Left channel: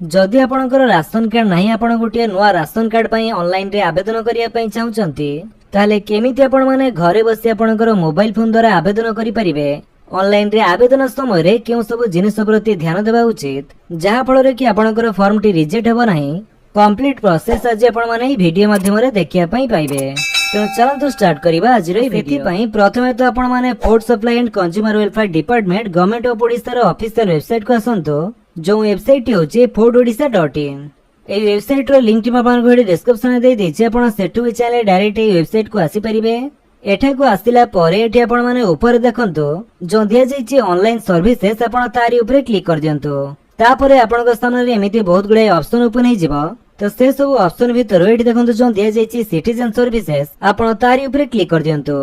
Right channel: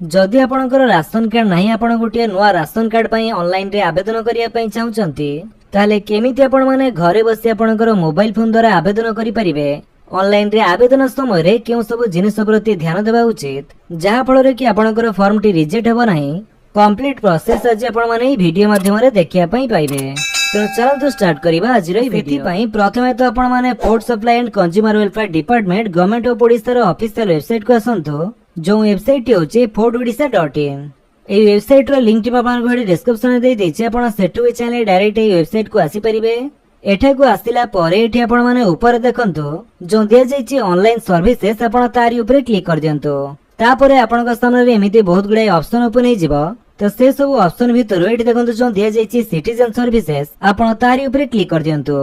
जदि आपणकर ration card नहीं आपण गोटे नुआ राशन कार्ड पई ऑनलाइन रे आवेदन करिया पई चाहुचंती ताले केमिति आपण माने घरे बसी आपणकर मोबाइल फोन द्वारा आवेदन करि परिबे। ऑनलाइन रे आवेदन समय रे केउ सब जिनिस प्रति ध्यान देबा उचित जहा फल रे कि आपणकर फॉर्म टी रिजेक्ट हेबो नाही। कंप्लीट प्रोसेस आज आपण माने ई वीडियो माध्यम रे देखिया पई पाइबे। तो चलନ୍ତୁ स्टार्ट करिबा आज रे वीडियो पई। प्रथमे तो आपण माने food supply and consumer welfare department government of Odisha रो ऑफिशियल वेबसाइट को आसंतो जो वेबसाइट होचे foododisha.in। ए वेबसाइट रो लिंक टी आपन को डिस्क्रिप्शन में दे देछि आपण सेटु ए चैनल डायरेक्ट ए वेबसाइट को आसी परिबे। एठा को आसिला परे एठी आपण माने ऊपर देखंतो जो दिया जायछि ऑनलाइन सर्विसेस आपण तारी ऊपर क्लिक कर दियंतो। तापरे आपण को सामने रे एमिति बहुत गुडे ऑप्शन ओपन हे जिवो। तो से सब ऑप्शन भीतर एठी देखंतो जो दिया जायछि सिटीजन सर्विसेस आपण तारी ऊपर क्लिक कर दियंतो।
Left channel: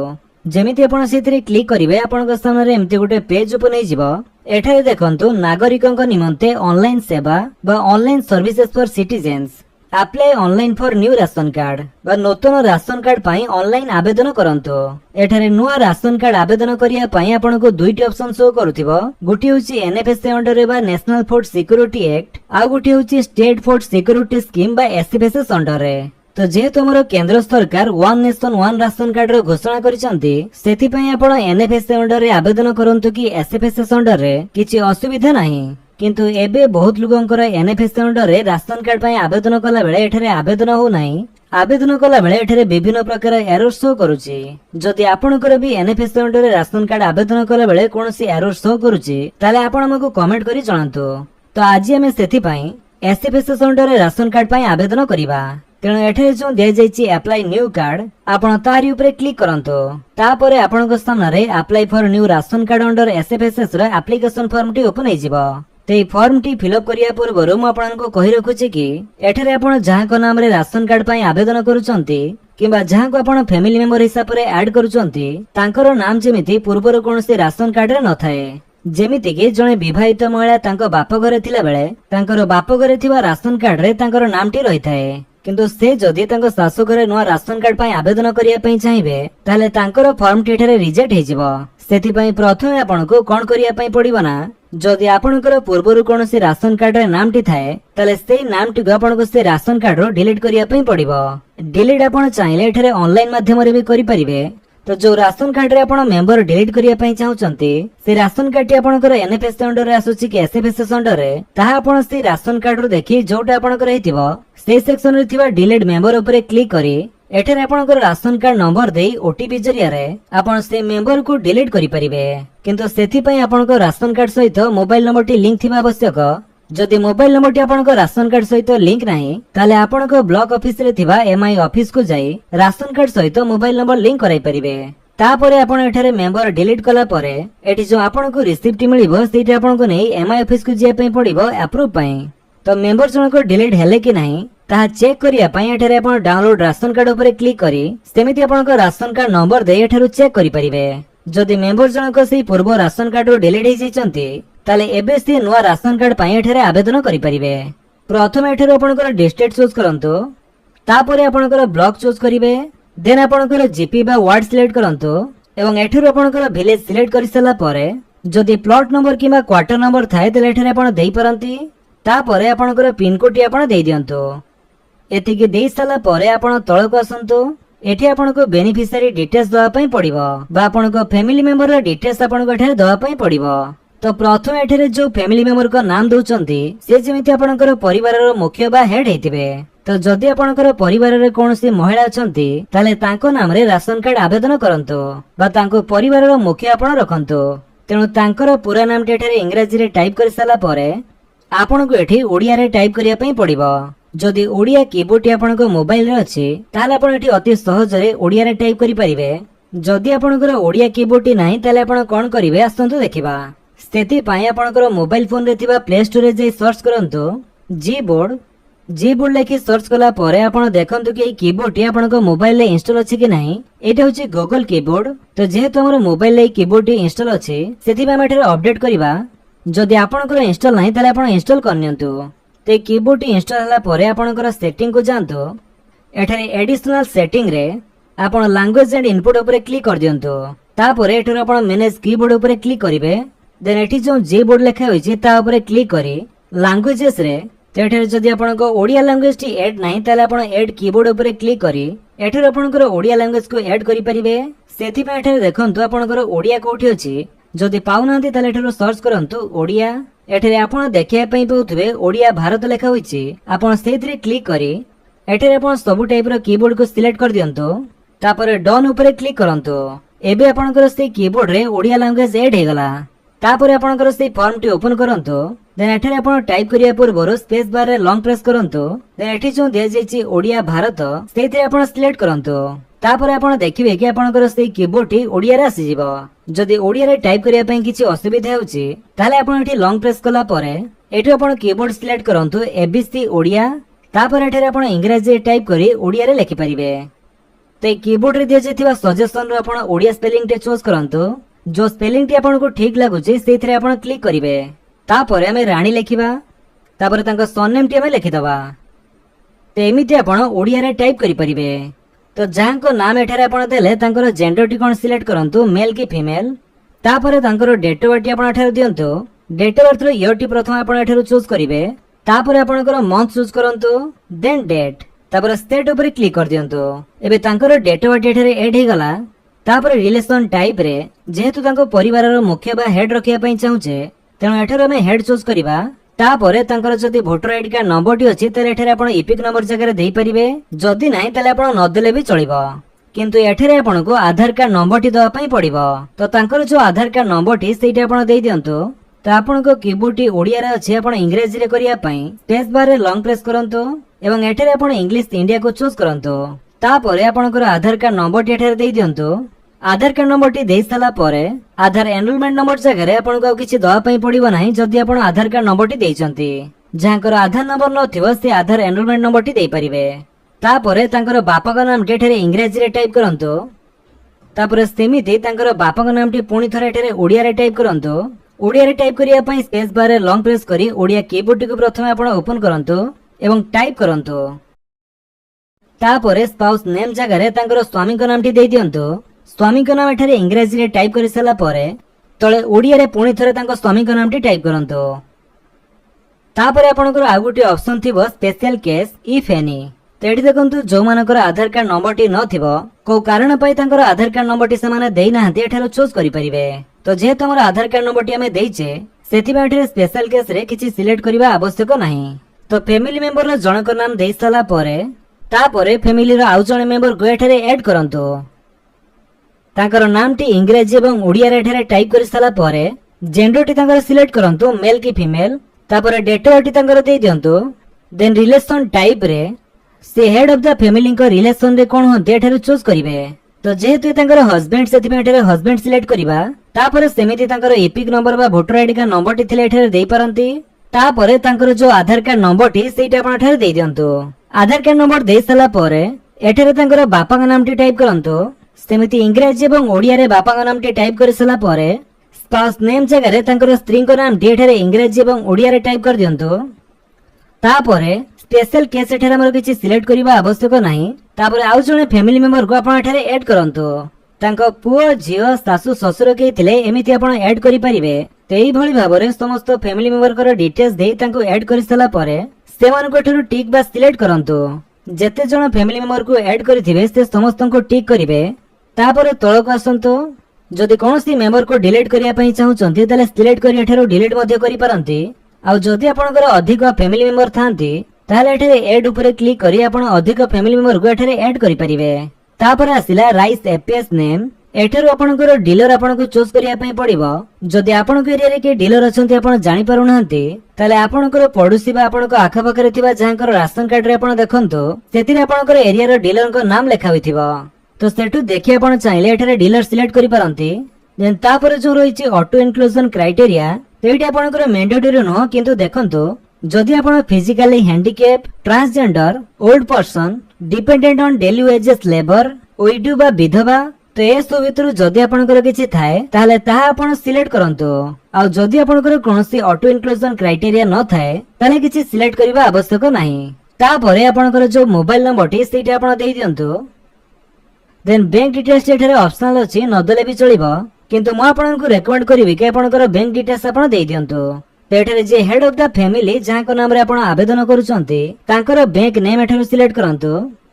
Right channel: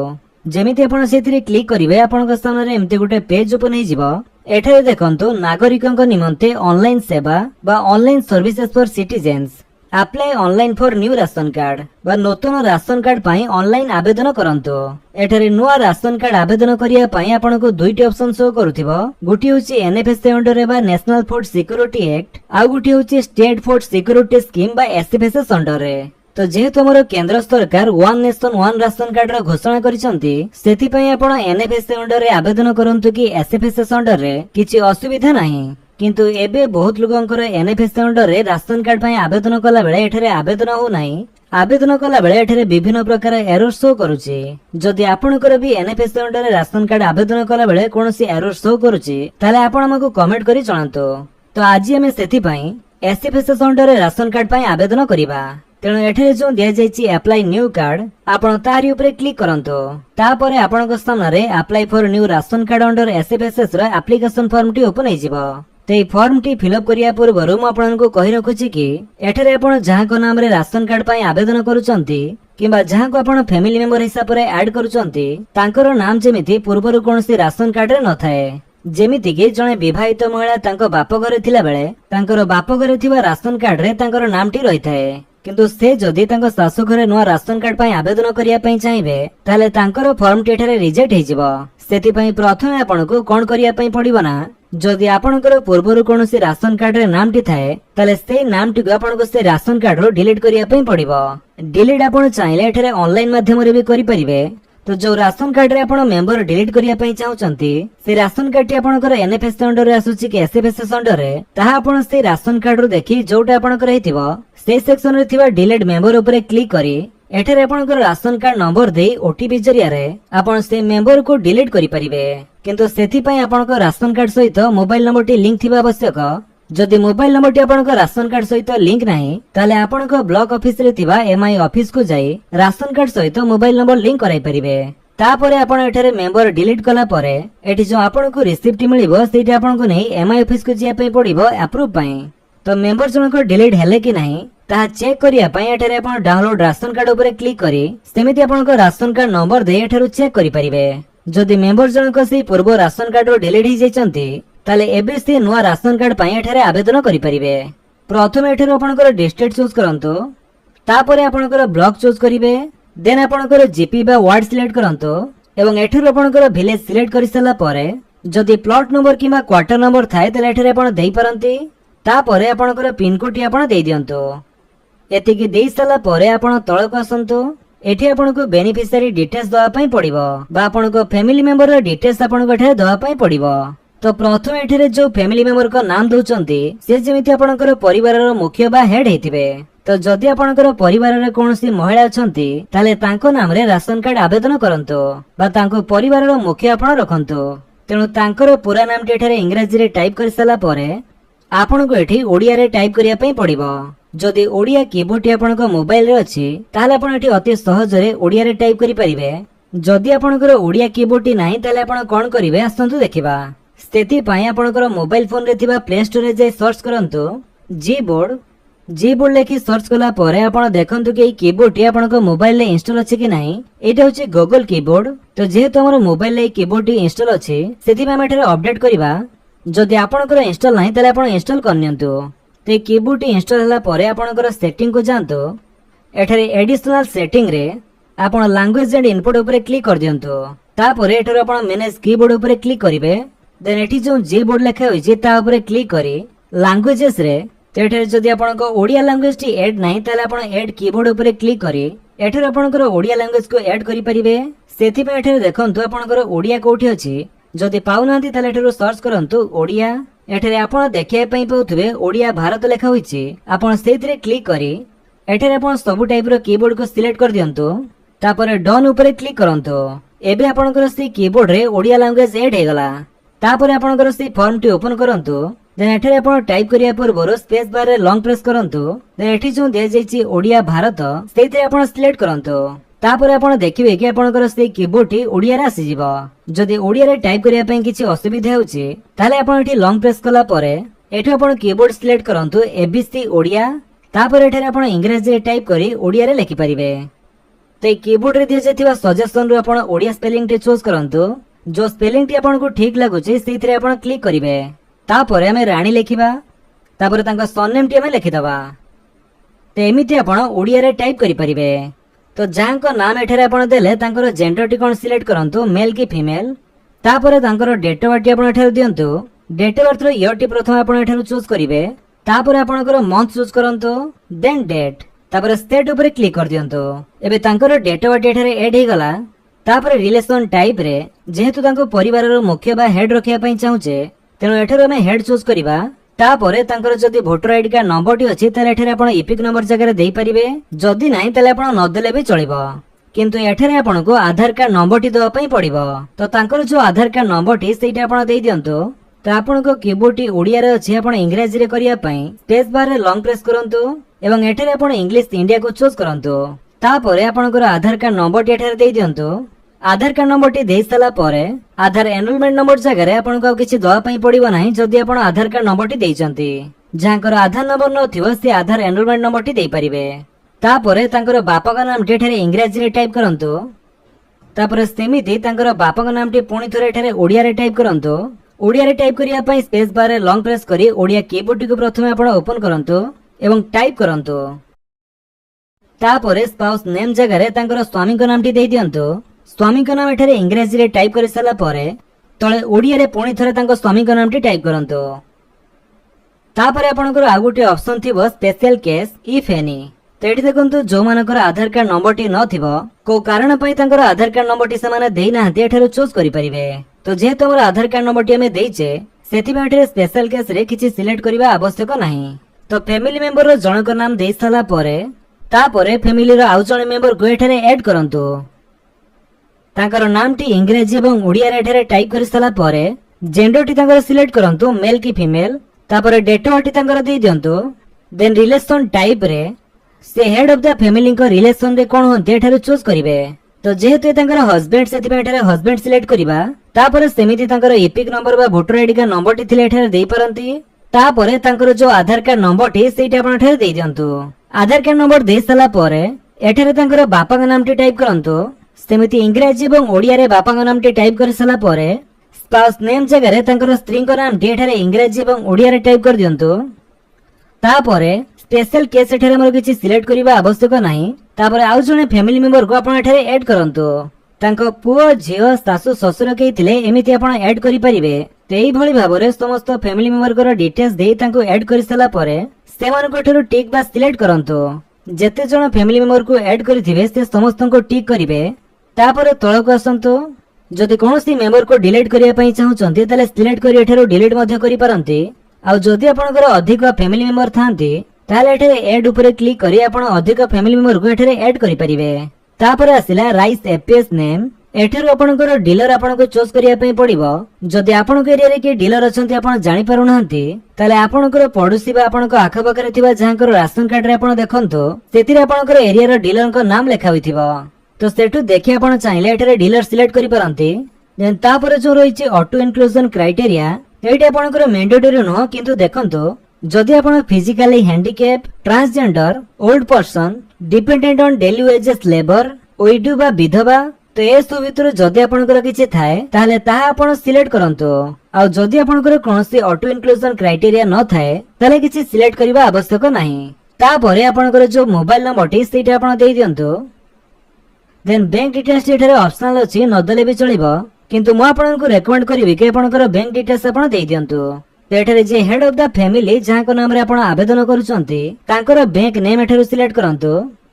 जेमिति आपण सेथिरे क्लिक करिवे आपण को सामने रे एमिति गुटे पेज ओपन हे जिवो। एठारे देखंतु नागरिकंक निमंते ऑनलाइन सेवा बा online services for citizens apply online for new ration card बा नूतन राशन कार्ड पाई ऑनलाइन आवेदन करंतो। एठारे नुआ राशन कार्ड आवेदन करिया पाई आपनको दुईटी ऑप्शन शो करूथिबो। गुटी होची एनएफएसए अंडर बा नेशनल फूड सिक्योरिटी एक्ट आ गुटी होची स्टेट फूड सिक्योरिटी स्कीम बा एसएफएसएस अंडर रे। तो जेहेतु हमर केंद्र सरकार one nation one ration card रो घोषणा करिसंती सेथि पई आपण एनएफएसए अंडर रे आवेदन करंतु कि एसएफएसएस अंडर रे किछि असुविधा नाही। किंतु एबे बहुत लोगंकर एनएफएसए अंडर रे राशन कार्ड पई आवेदन कला बेले एठरे आवेदन हो नाही। आवेदन कला बेले एठरे विभिन्न प्रकार एरर शो करूची। जदि आपणकर भी एनएफएसए अंडर रे राशन कार्ड आवेदन कला बेले कोनोसी एरर शो करूची ताले आपण हमकु कमेंट करी जणांतो। तो आज हमें सेथि पई एसएफएसएस अंडर रे राशन कार्ड पई आवेदन करिबा। तेणु एठरे जो दिया जायछि अप्लाई न्यू कार्ड आपण तारी ऊपर क्लिक करंतो। तापरे आपणक सामने रे apply for new ration card under SFSS रो एप्लीकेशन फॉर्म टी ओपन हे जिवो। तो ये फॉर्म टी फिलअप करिया पूर्व मु आपनको कहि रखुछि कि एठरे आपण जहा को नाम रे राशन कार्ड पई आवेदन करूचंती किबा जहा को आपण फैमिली मेंबर हिसाब रे ऐड करूचंती तांकर नाम जेमिति पूर्वर कोनोसी राशन कार्ड रे न थाए। जेमिति कि जणे विवाहित महिला तांको बाप घरे थिला बेले तांकर बाप घरे थिबा राशन कार्ड रे तांकर नाम टी रही थाए। किंतु से जदि तांको सासु घरे नुआ राशन कार्ड पई आवेदन करिया पई चाहिबे ताले तांकर फॉर्म टी एठारे रिजेक्ट हे जिवो। सेति पई प्रथमे आपनको कोन करिया पई पड़िबो ना जदि आपणकर पूर्वरु कोनोसी राशन कार्ड रे नाम टी थाए ताले से नाम टी आपनको से राशन कार्ड रो डिलीट करिया पई पड़िबो। डिलीट आपण चाहिले एठारे ऑनलाइन माध्यम रे भी करि परिबे। तो जो राशन कार्ड रे आपण मेंबर डिलीट करिया पई चाहुचंती से राशन कार्ड टी आपणकर एनएफएस अंडर रे आसुची कि एसएफएस अंडर रे ताहा आपण से राशन कार्ड रो देखि जोटा आपणकर हेतिबो से सेक्शन रे थिबा डिलीट मेंबर ऊपर क्लिक करी एठारे आपणकर राशन कार्ड नंबर देई ओटीपी जरिया रे आपण से मेंबर को डिलीट करि परिबे। किंतु सेथि पई आपणकर राशन कार्ड सहित मोबाइल नंबर टी लिंक थिबा आवश्यक। जदि मोबाइल नंबर टी आपणकर राशन कार्ड सहित लिंक नाही ताले आपणकर ब्लॉक ऑफिस रे थिबा एमआई ऑफिस को जाई राशन कार्ड सहित मोबाइल नंबर लिंक कराई परिबे। तापरे आपण एठारे मेंबर डिलीट कला परे एठी जो आपणको रिसिप्ट मिलिबो सेठी आपणको नै एमआई ऑफिस को जिया पई पड़िबो अप्रूव पई। तो मेंबर जनको डिलीट हेले कि नाही ताहा चेक करिया पई एठारे आपण डाउनलोड राशन कार्ड ऊपर क्लिक करी सेमिति आपणको राशन कार्ड नंबर दे एठारु चेक करि परिबे। जदि मेंबर जनको से पूर्व राशन कार्ड रो डिलीट हे जायचंती ताले एबे से नुआ राशन कार्ड पई एठारे आवेदन करि परिबे। प्रथमे एठारु आपणकर डिस्ट्रिक्ट चूज करंतु तापरे आपणकर ब्लॉक चूज करिवे देन आपणकर जीपी बा वार्ड सिलेक्ट करंतु एवं एठारु आपणकर विलेज सिलेक्ट करि सला परे जदि प्लॉट नंबर किबा क्वार्टर नंबर थाए ताले एठारे आपण देई परंती। तापरे आपणकर पिन कोड टी आपण देई दियंतो। एतिके देई साला परे आपण तळक आसंतो। एठी आपनको बेनिफिशियरी डिटेल्स दवा पई पड़िबो बा आपनको फैमिली मेंबर रो डिटेल्स आपनको एठारे दवा पई पड़िबो। तो प्रथम एठारे जो फैमिली मेंबर का नाम दउचंती से जेमिति आपनकर परिवार रो मुख्य बा हेड हेतिबे। तो जदि आपनकर परिवार रे कोनोसी महिला अछंती ताले तांको नाम रे राशन कार्ड आवेदन करंतो बा तांको परिवार रो मुख्य आपण रखंतो। तेनु तांकर पूरा नाम टी एठारे इंग्रजी रे टाइप कर साला परे आपनको एठी ओडिया रे टाइप करिया पई पड़िबो। जदि ओडिया कीबोर्ड टी आपनको मोबाइल रे अछि ताले आपण एठी अति सहज रे ओडिया रे टाइप करि परिबे। जदि आपनकर ओडिया कीबोर्ड टी नाही ताले आपण कोन करिवे आसंतु देखिबा। सेति पई आपनकर मोबाइल फोन रे थिबा प्ले स्टोर रे जे सर्च करंतो जीबोर्ड लेखि सर्च कला परे आपण देखंतु कि कीबोर्ड टी आपनको मोबाइल रे इंस्टॉल अछि कि नाही। एटा होछि गूगल कीबोर्ड। तो जेहेतु हमर मोबाइल रे कीबोर्ड टी इंस्टॉल अछि सेति पई हम एठारे अपडेट करिबा। जदि आपनकर इंस्टॉल नाही ताले आपण इंस्टॉल करनियंतु। ते कीबोर्ड टी इंस्टॉल हला परे आपनकर सेटिंग को जानतो। एठारे एडिशनल सेटिंग रे आपण लैंग्वेज एंड इनपुट ऊपर क्लिक कर दियंतो। तापरे एठारे आपण मैनेज कीबोर्ड ऊपर क्लिक करिवे। देन एठी जो जे बोर्ड लिखा होइछि ता ऊपर क्लिक करी लैंग्वेजेस रे तो एठारे जदि आपनक ओडिया लैंग्वेज टी ऐड नाही ताले आपण ऐड कीबोर्ड ऊपर क्लिक करी एठारे आपनकर ओडिया लैंग्वेज को ऐड करि परिबे। सेथि पे एठारे देखंतु आपनकर ओडिया कोठी अछि जदि पाउनांती ताले एठारे सर्च करंतु ओडिया। एठारे आपण देखिया पई पाउथिबे ओडिया भारत लेखा होइछि आपण सेथिरे क्लिक करी एठारे आपण सब टाइप रो कीबोर्ड को सिलेक्ट कर दियंतु तापर डन ऊपर क्लिक करंतु। एबे आपनकर से कीबोर्ड रे ओडिया लैंग्वेज ऐड हे गला। तापर आपनकर से फॉर्म टी ओपन करंतु देन एठारे आपण टाइप करिया पूर्व स्पेस बार रे लॉन्ग प्रेस करंतु देन एठी जो दिया जायछि ओडिया भारत सेथिरे आपण सिलेक्ट करंतु। तापर आपण देखिबे कि आपनकर से कीबोर्ड टी ओडिया रे आसी जिवो। जदि ओडिया रे टाइप करिया पई किछि असुविधा होछि ताले आपण एठी लॉन्ग प्रेस कला परे एठी आपण कीबोर्ड सिलेक्ट करंतु एबीसी ओडिया। तापर एठारे आपण इंग्लिश रे टाइप करी ओडिया रे लिखि परिबे। तो कीबोर्ड रे दिया जायथिबा सजेशन रो आपण ओडिया स्पेलिंग टे चूज करंतु जो स्पेलिंग टी आपण को ठीक लागुछि सेथिरे आपण क्लिक करिवे। तापर हमें रानी लिखिबा तापर तांको सरनेम टी हमें लिखि दबा। तो एमिति आपण ओडिया रे टाइप करि परिबे। तो जांको नाम एठारे आपण देले तांकर जेंडर टी कोन सिलेक्ट करंतु मेल की फीमेल। तापर तांकर डेट ऑफ बर्थ टी आपण एठारे दियंतु डेट ऑफ बर्थ रो ईयर टी प्रथम आपण एठारे चूज करिवे। तापर आपणकर मंथ चूज करंतु देन डेट तापर स्टेट ऊपर क्लिक कर दियंतु। एबे तांकर डेट ऑफ बर्थ एठारे ऐड हे गला। तापर रिलेशन टाइप रे जेहेतु तांको परिवार रो मुख्य बा हेड रखिया पई चाहुचे तेणु एठारे हमें हेड चूज करिबा। तापर तांकर जदि voter ID card number T अछि ताले एठारे आपण इपिक नंबर जगह देई परिबे। जदि नाही ताले आपण न देले भी चलिबो किंतु एठारे आपण को आधार कार्ड नंबर टी दवा पई पड़िबो। तो तांकर जो आधार कार्ड नंबर टी सेटा आपण देई दियंतु। तो आपण को कीबोर्ड टी ओडिया रे अछि आपण इंग्लिश रे करिया पई स्पेस बार रे लॉन्ग प्रेस करंतु एवं एठारे आपण इंग्लिश इंडिया को चूज करंतु। तापर आपणकर आधार कार्ड नंबर टी एठारे देई दियंतु। आधार कार्ड नंबर टी देई साला परे आधार एनरोलमेंट नंबर जगह रे आपण को किछि दवा पई पड़िबो नाही जदि आपण आधार कार्ड नंबर टी देइचंती। जाकर आधार नंबर नथिबो से आधार एनरोलमेंट नंबर टी देई परिबे। तापरे तांकर बापा का नाम टी एठारे इंग्लिश रे टाइप करंतु। तापर सेमिति तांकर बापा का नाम टी पुणी थरे एठारे ओडिया रे टाइप करंतु। ओडिया रे टाइप करिया पई स्पेस बार रे लॉन्ग प्रेस करी ओडिया कीबोर्ड टी को प्रथमे आपण ओपन करंतु एवं टाइप करंतु। तापरे स्पाउस नेम जगह रे तांकर स्वामी का नाम टी देई दियंतु। स्वामी का नाम एठारे इंग्लिश रे टाइप करि साला परे तळे ओडिया रे पुणी थरे तांको स्वामी का नाम टी टाइप करंतु। तापरे आपणकर आ गुटी ऑप्शन थिबो स्पेशल केस इफ एनी। तो एठी देखंतु जो मानकर आधार कार्ड नंबर टी न थिबो को कारण पई तांकर आधार कार्ड नंबर टी समाने देई नाहंती एठारे चूज करि परिबे। तो जेहेतु हमर आधार कार्ड नंबर टी हमें देइचे सेति में एठारे स्पेशल केस रे किछि सिलेक्ट करिबा आवश्यक नाही। तो फैमिली मेंबर रो जनकर नाम देई साला परे तापरे फैमिली रो आउ जणे मेंबर को एठारे ऐड करंतु। तांकर नाम टी इंग्लिश एवं ओडिया रे एठारे टाइप करि साला परे जेंडर टी तांकर सिलेक्ट करंतु मेल की फीमेल। तापरे डेट ऑफ बर्थ टी तांकर देई दियंतु। देन रिलेशन टाइप रे से हेड ऑफ द फैमिली को रिलेशन रे कोन होते एठारे चूज करिवे। तो जेहेतु तांकर हस्बैंड सेति में एठारे हस्बैंड सिलेक्ट करिबा। तापरे सेमिति तांकर एपिक नंबर बा वोटर आईडी का नंबर टी थिले एठारे देई परंती। तापरे तांकर जो आधार कार्ड नंबर टी सेटा आपण एठारे देई दियंतु। आधार कार्ड नंबर देई साला परे एठारे तांकर बापा का नाम टी टाइप करंतु। सेमिति इंग्लिश एवं ओडिया रे बापा का नाम टी टाइप कर साला परे स्पाउस नेम जगह रे तांकर स्त्री को नाम टी एठारे इंग्लिश एवं ओडिया रे टाइप कर दियंतु। तापरे स्पेशल केस एठारे हमर किछि सिलेक्ट करिबा आवश्यक नाही। तापरे आउ जणे फैमिली मेंबर को आपण एठारे ऐड करंतु। तांको पुओ झियो सासु ससुर के थिले एमिति आपण ऐड करि परिबे। तेई भଳି भाबरे समस्त फैमिली मेंबर को डिटेल्स देई तांको ऐड करि साला परे सेमान को एठारो टिक बा सिलेक्ट करंतु। जेते जण फैमिली मेंबर को ऐड करिथिबे से समस्त को टिक करिवे। तापरे तळको आसंतु जदि कोनोसी मेंबर को डिलीट करिया पई चाहुचंती ताले सिलेक्ट करि एठारो डिलीट मध्ये करि पारंती। आ जदि आपनकर अधिक फैमिली मेंबर थांती ताले एठारे ऐड ऊपर क्लिक करी आपण अधिक फैमिली मेंबर को एठारे ऐड करि परिबे। तापरे आसिला राइस एपीएस नेम एठारो आपनकर डीलर आपनको चूज करिया पई पड़िबो। जदि आपनको एरिया रे कि डीलर अछंती आपण जानि पारु नहंती ताले आपनकर पड़ोसी बा आपनको आखा पाखरे थिबा जायकर राशन कार्ड रे आपण देखंतु सेतिरे आपनकर एरिया रो डीलर को नाम लेखा होइथिबो। तो सेठु देखि आपण चाहिले एठारे डीलर सिलेक्ट करि पारंती। देन तापरे जो रहिछि ऑटो इनक्लूजन क्राइटेरिया एठी आपनकर मैंडेटरी न किंतु देखंतु जदि आपण physically handicap transgender old person dependent on daily wages labour window बा विधवा तो ए सब भितर जदि आपनकर किछि थाए ताले ताहा आपण सिलेक्ट करंतु। आ जदि आपनकर कोनोसी ऑटो इनक्लूजन क्राइटेरिया न थाए ताले किछि सिलेक्ट करिबा आवश्यक नाही। तापरे आपनकर जो मोबाइल नंबर टी सेटा आपण देई दियंतु। देन बैंक डिटेल्स एठारे ऑप्शनल अछि न देले भी चलिबो किंतु मु आपनकु रेकमेंड करिवि कि आपनकर बैंक डिटेल्स आपण देई दियंतु। तो एठारे जे हेड ऑफ द फैमिली जहां नाम रे आपण आवेदन करूचंती तांकर बैंक नेम एठारु सिलेक्ट करंतु।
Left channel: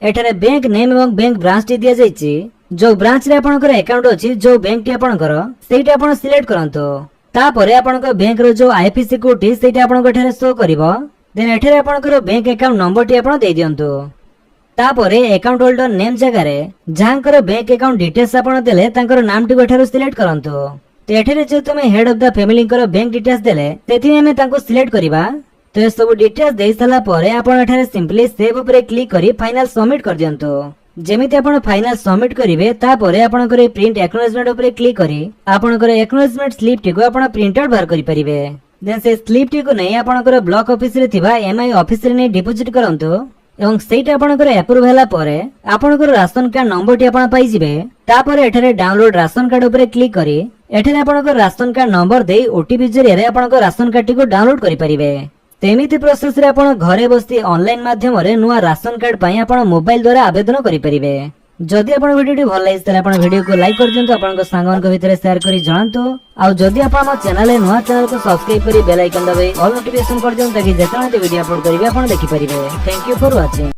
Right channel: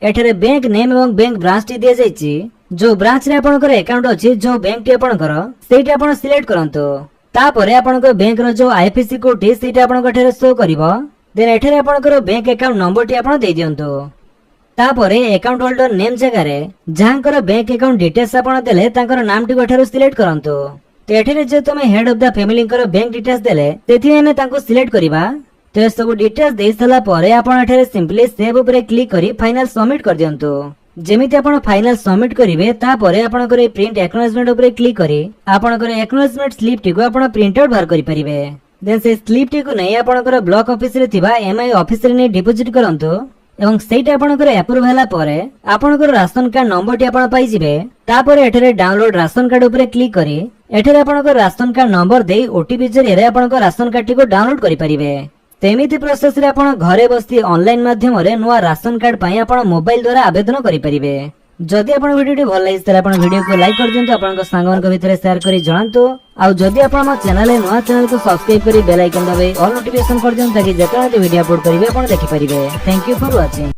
एठारे बैंक नेम एवं बैंक ब्रांच टी दिया जायछि। जो ब्रांच रे आपनकर अकाउंट अछि जो बैंक टी आपनकर सेटा आपण सिलेक्ट करंतु। तापरे आपनकर बैंक रो जो आईएफएससी कोड टी सेटा आपनकर एठारे शो करिवो। देन एठारे आपनकर बैंक अकाउंट नंबर टी आपण दे दियंतु। तापरे अकाउंट होल्डर नेम जगह रे जहांकर बैंक अकाउंट डिटेल्स आपण देले तांकर नाम टी एठारे सिलेक्ट करंतु। तो एठारे जे तमे हेड ऑफ द फैमिली कर बैंक डिटेल्स देले तेथि हमें तांको सिलेक्ट करिबा। तो ये सब डिटेल्स दे साला परे आपण एठारे सिंपली सेव ऊपर क्लिक करी फाइनल सबमिट कर दियंतु। जेमिति आपण फाइनल सबमिट करिवे तापरे आपण करे प्रिंट एक्नॉलेजमेंट ऊपर क्लिक करी आपण करे एक्नॉलेजमेंट स्लिप टी को आपण प्रिंट आउट बाहर करि परिबे। देन से स्लिप टी को नै आपण करे ब्लॉक ऑफिस रे थिबा एमआई ऑफिस रे नै डिपॉजिट करंतु एवं सेटा आपण करे अप्रूव होला परे आपण करे राशन कार्ड नंबर टी आपण पाई जिवे। तापरे एठारे डाउनलोड राशन कार्ड ऊपर क्लिक करी एठारे आपण करे राशन कार्ड नंबर देई ओटीपी जरिए रे आपण करे राशन कार्ड टी को डाउनलोड करि परिबे। तेमिति प्रोसेस रे आपण घरे बसी ऑनलाइन माध्यम रे नुवा राशन कार्ड पई आपण मोबाइल द्वारा आवेदन करि परिबे। जदि आपण वीडियो भल लागि तले आपण वीडियो को लाइक कर दियंतु आपण संगन के भितर शेयर करी जणांतु। आ जदि आपण हम चैनल रे नुवा चैनल को सब्सक्राइब करी बेल आइकन दबाई ऑल नोटिफिकेशन कर दियंतु ताकि जेतले वीडियो अपलोड करिवे आपण देखि परिबे। Thank you for watching.